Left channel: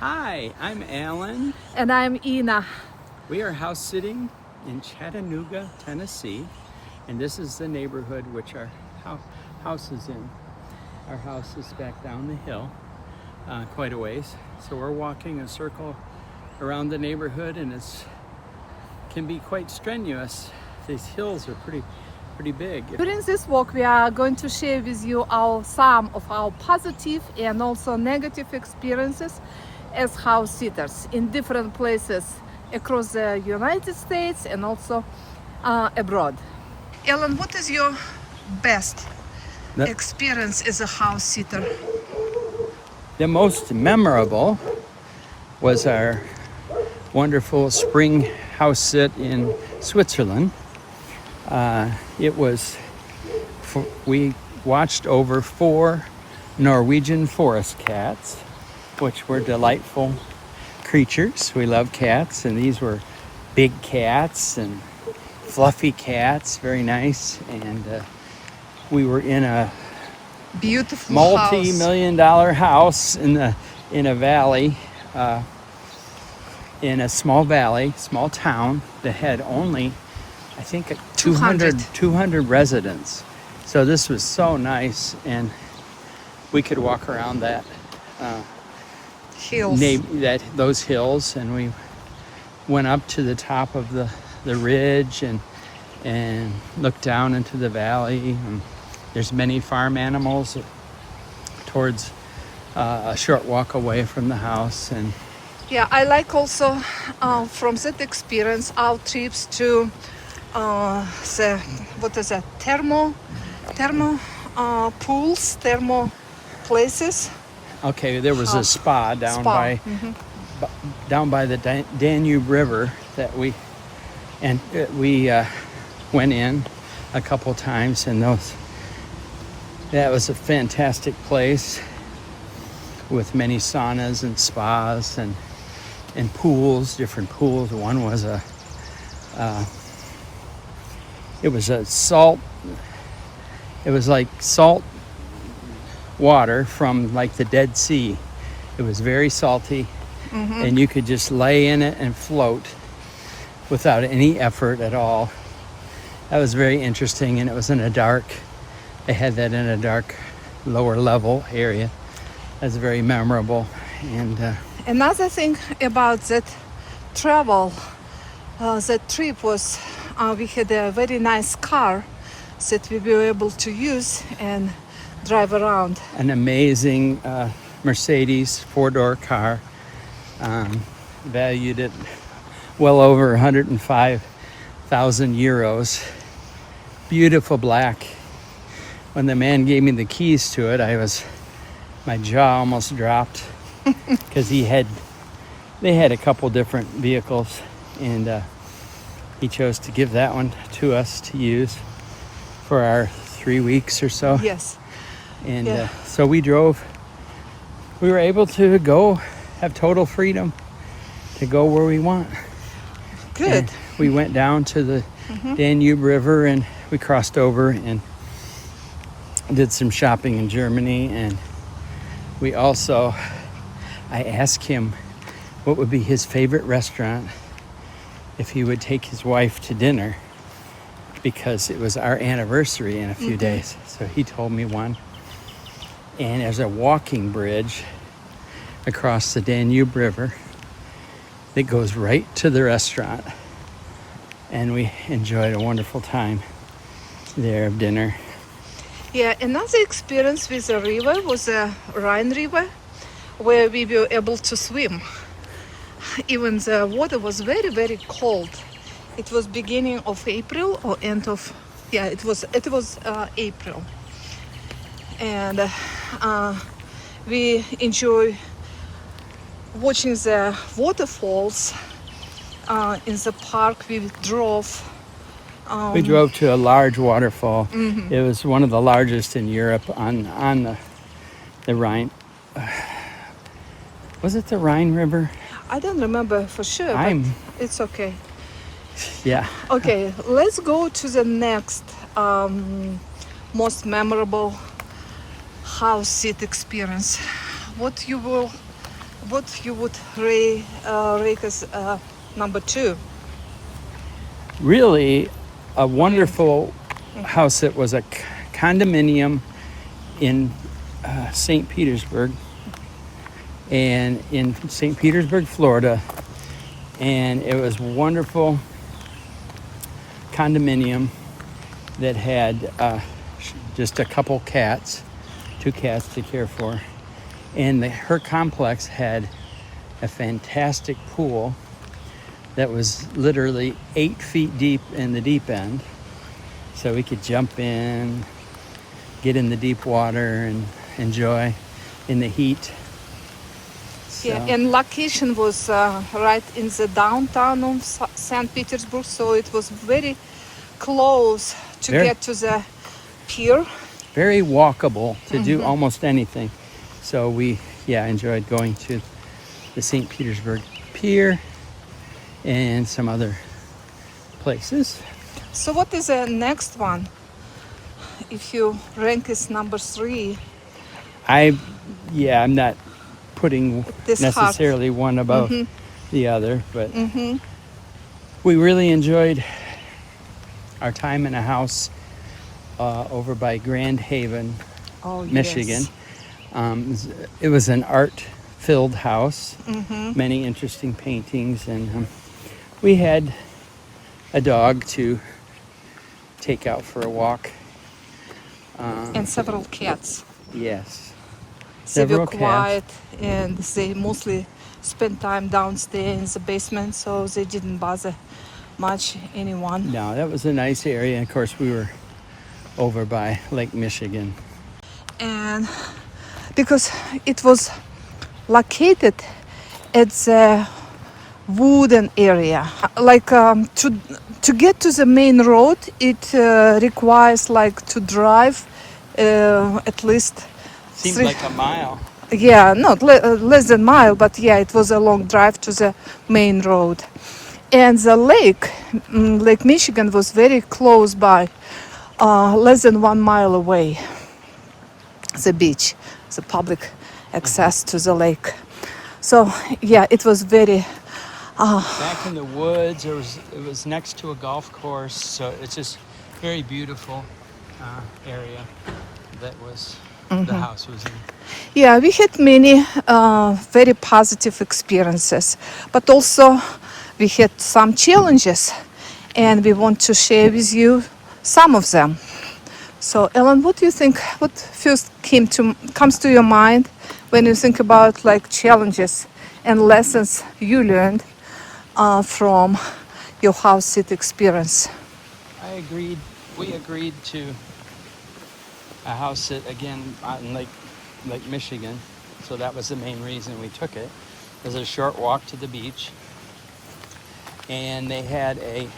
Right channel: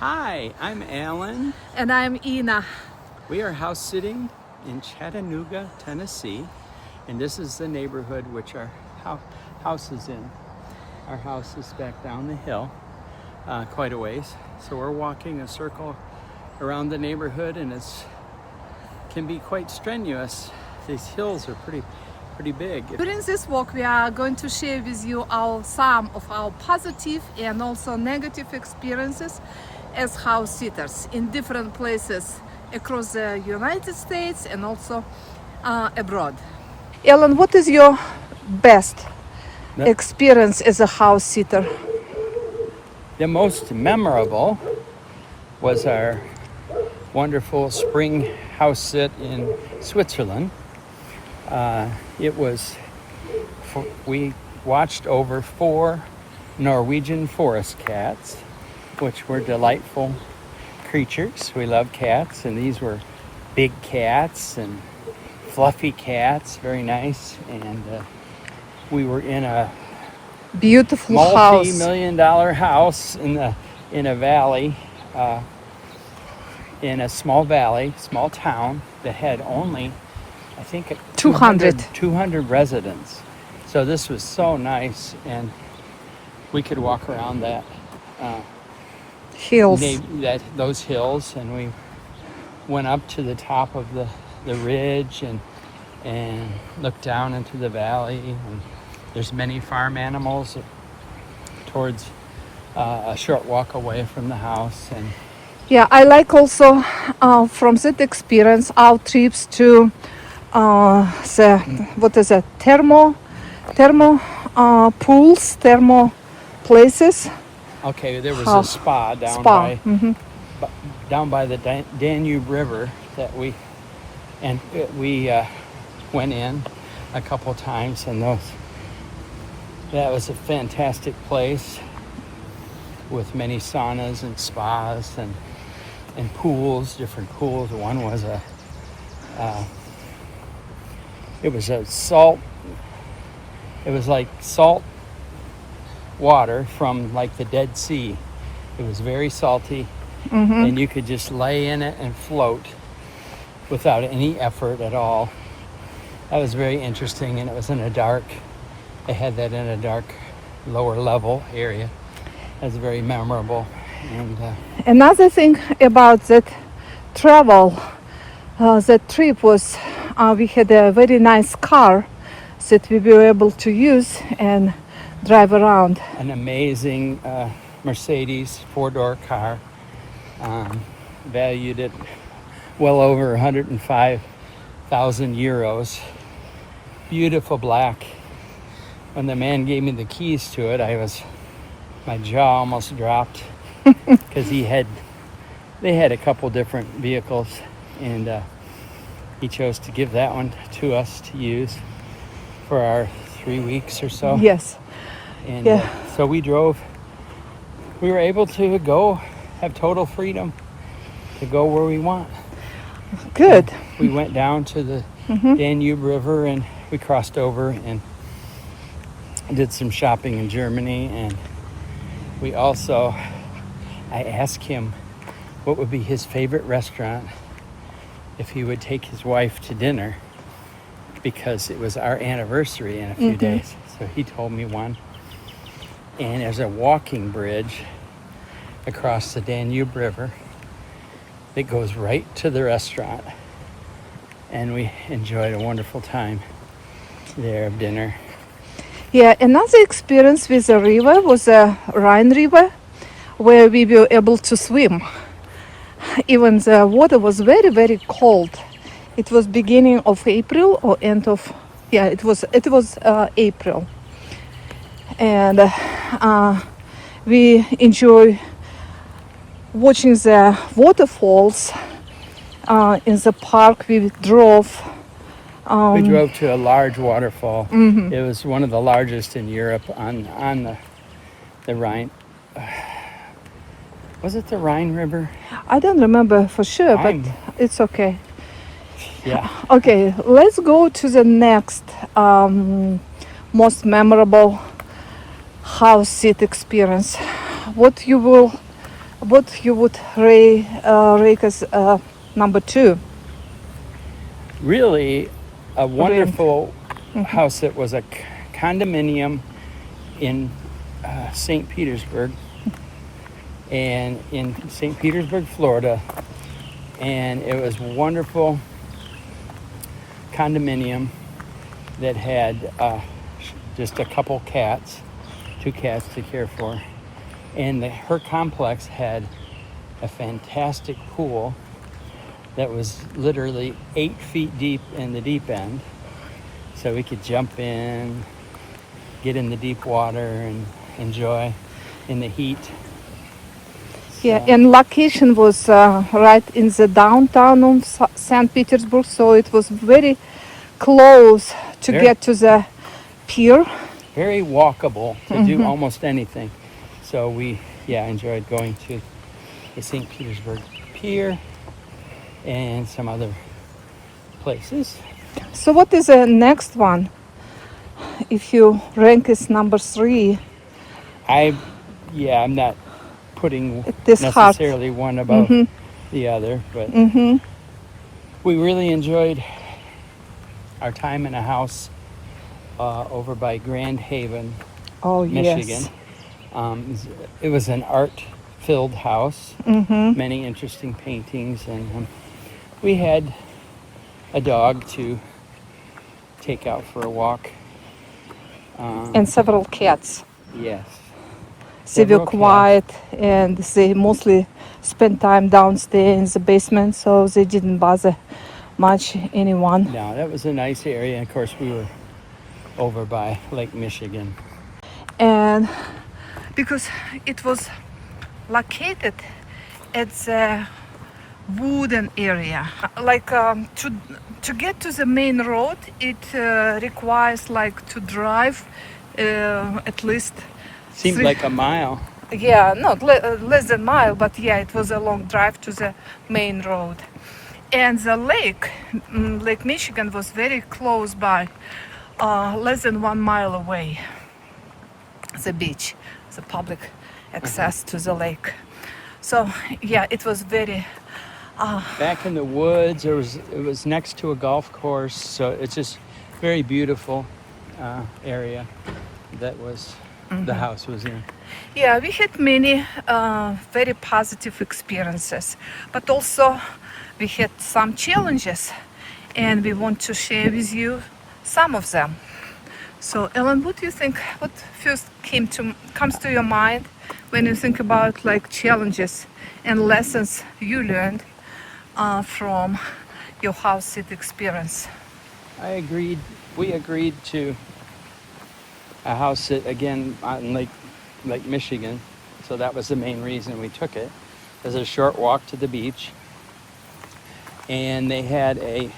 Hi, I'm Alan. And I'm Ina. We are house sitting in Chattanooga, Tennessee, and this is the neighborhood which our house is in. Our house is back down the hill quite a ways. So we're walking a circle around the neighborhood, and it can be quite strenuous. These hills are pretty big. During this walk, we are going to share with you some of our positive and also negative experiences as house sitters in different places across the United States and also abroad. Ellen, what is your best experience as a house sitter? The most memorable was our wonderful spring house sit in Switzerland. We watched over 4 Norwegian forest cats, which were delightful creatures. We love cats, and these were big cats and fluffy cats, very nice. And we were in a beautiful multi-million-dollar house in a valley, in a small valley, small town that had only, I think, 200 residents. So this was so nice, and we could walk around that hills. Those hills, and we went up to the top of the ridge and looked down into the valley. And there's many farm animals towards a short walk away from the house. And yeah, I like also from that experience our trips to thermo pools, thermo places. Okay, there was a spa down by the Danube River that we went in a couple times, and that was a fantastic place with many saunas and spas and pools, different pools. One was it was like salt water from like the Dead Sea. It was very salty, and you could just lay in it and float without any effort at all. That was very interesting, and it was they had that in a dark lower level area. That's very memorable. And another thing about that travel, that trip was we had a very nice car that we were able to use and drive around. An amazing Mercedes 4-door car, valued at well over 105,000 euros. Beautiful black. When the man gave me the keys to it, my jaw almost dropped because they had a couple different vehicles, and he chose to give that one to us to use for our 3 weeks or so. Yes. And so we were able to have total freedom to go where we want. Good. And we went down to the Danube River, and we crossed over and did some shopping in Germany. And I asked him what would be his favorite restaurant if he would take his wife to dinner, because it was our anniversary in a few days. So he told me one. And there's a walking bridge across the Danube River that goes right to the restaurant. And we enjoyed a wonderful time there of dinner. Yeah, another experience with the river was the Rhine River, where we were able to swim. Even the water was very, very cold. It was beginning of April or end of, it was April. And we enjoy watching the waterfalls in the park. We drove to a large waterfall. It was one of the largest in Europe on the Rhine. Was it the Rhine River? I don't remember for sure, but it's okay. Yeah. Okay, let's go to the next most memorable house sit experience. What you will what you would rate as number 2? Really a wonderful house that was a condominium in St. Petersburg, and in St. Petersburg, Florida, and it was a wonderful condominium that had just a couple cats, 2 cats to care for, and her complex had a fantastic pool that was literally 8 feet deep in the deep end, so we could jump in, get in the deep water, and enjoy in the heat. Yeah, and location was right in the downtown of St. Petersburg, so it was very close to get to the pier. Very walkable to do almost anything. So we enjoyed going to the St. Petersburg Pier and some other places. So what is the next one? If you rank as number 3. I'm not putting This necessarily one above the other, but we really enjoyed our time in a house over by Grand Haven, Michigan. Yes. It was an art-filled house, many interesting paintings, and we had a dog to take out for a walk. And several cats. Yes. They were Several quiet, and they mostly spent time downstairs in the basement, so they didn't bother much anyone. No, that was a nice area. And of course, we were over by Lake Michigan. And because it was located at the wooden area, like to get to the main road, it requires like to drive at least. Seemed like a mile. Yeah, not less than a mile, but yeah, it was a long drive to the main road. And the lake, Lake Michigan, was very close by, less than 1 mile away. The beach, the public access to the lake. So yeah, it was very. Back in the woods, it was next to a golf course, so it's just very beautiful area that was. The house was in. Yeah, we had many very positive experiences, but also we had some challenges, and we want to share with you some of them. So, Ellen, what do you think? What first comes to your mind when you think about like challenges and lessons you learned from your house sit experience? We agreed to a house sit again on Lake Michigan, so that was the main reason we took it. It was a short walk to the beach, and they had a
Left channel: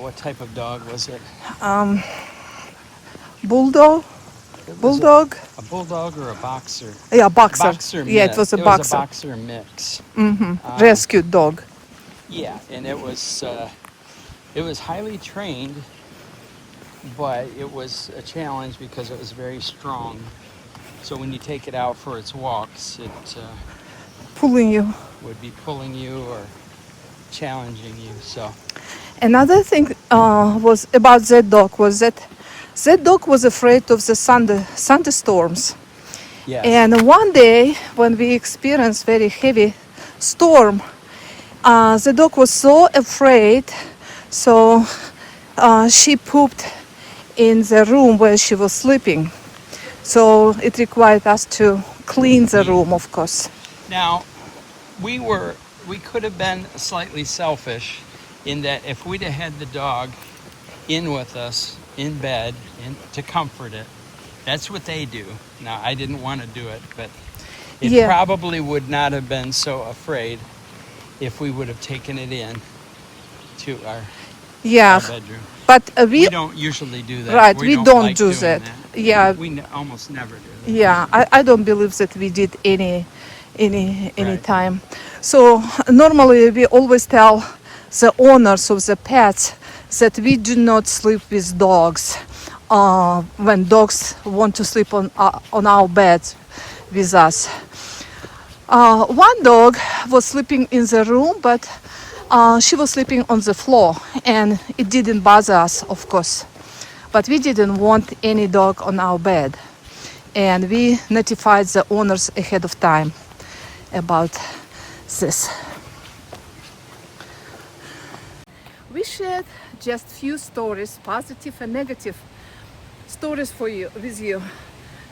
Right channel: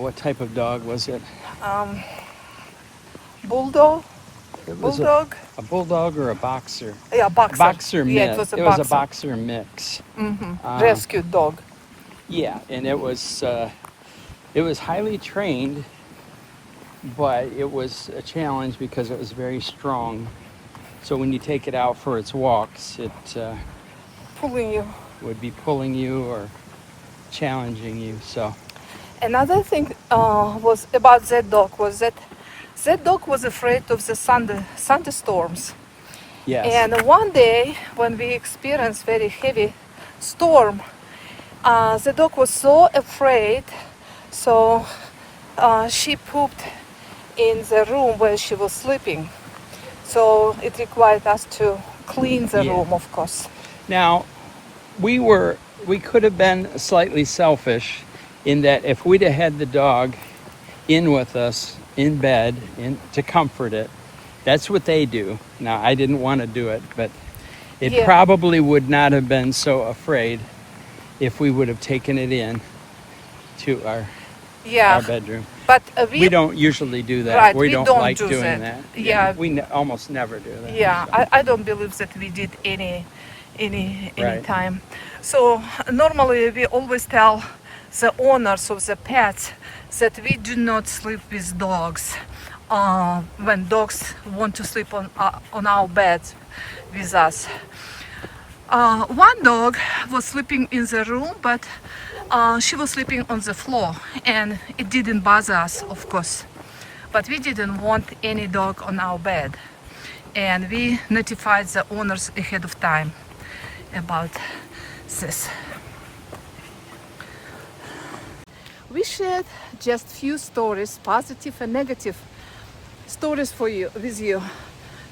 what type of dog was it? Bulldog. A bulldog or a boxer? Yeah, boxer. Boxer mix. Yeah, it was a boxer. It was a boxer mix. Rescue dog. Yeah, and it was highly trained, but it was a challenge because it was very strong. So when you take it out for its walks, it Pulling you. would be pulling you or challenging you. So Another thing was about that dog was that dog was afraid of the thunderstorms. yes, And one day when we experienced very heavy storm, the dog was so afraid, so she pooped in the room where she was sleeping. So it required us to clean the room, of course. Now, we could have been slightly selfish in that if we'd have had the dog in with us in bed to comfort it, that's what they do. Now, I didn't want to do it, but it probably would not have been so afraid if we would have taken it in to our bedroom. But we don't usually do that. Right, we don't like do doing that. Yeah, we almost never do that. Yeah, I don't believe that we did any Right. time. So normally we always tell the owners of the pets that we do not sleep with dogs when dogs want to sleep on our beds with us. One dog was sleeping in the room, but she was sleeping on the floor, and it didn't bother us, of course. But we didn't want any dog on our bed, and we notified the owners ahead of time about this. We shared just few stories, positive and negative stories for you with you.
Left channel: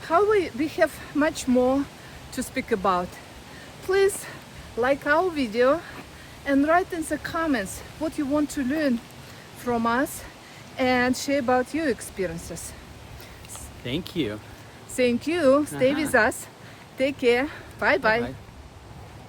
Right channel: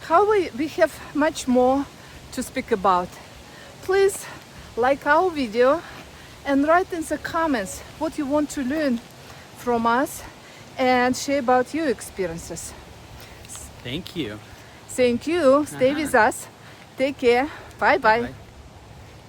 However, we have much more to speak about. Please like our video and write in the comments what you want to learn from us and share about your experiences. Thank you. Thank you. Stay with us. Take care. Bye bye. Bye.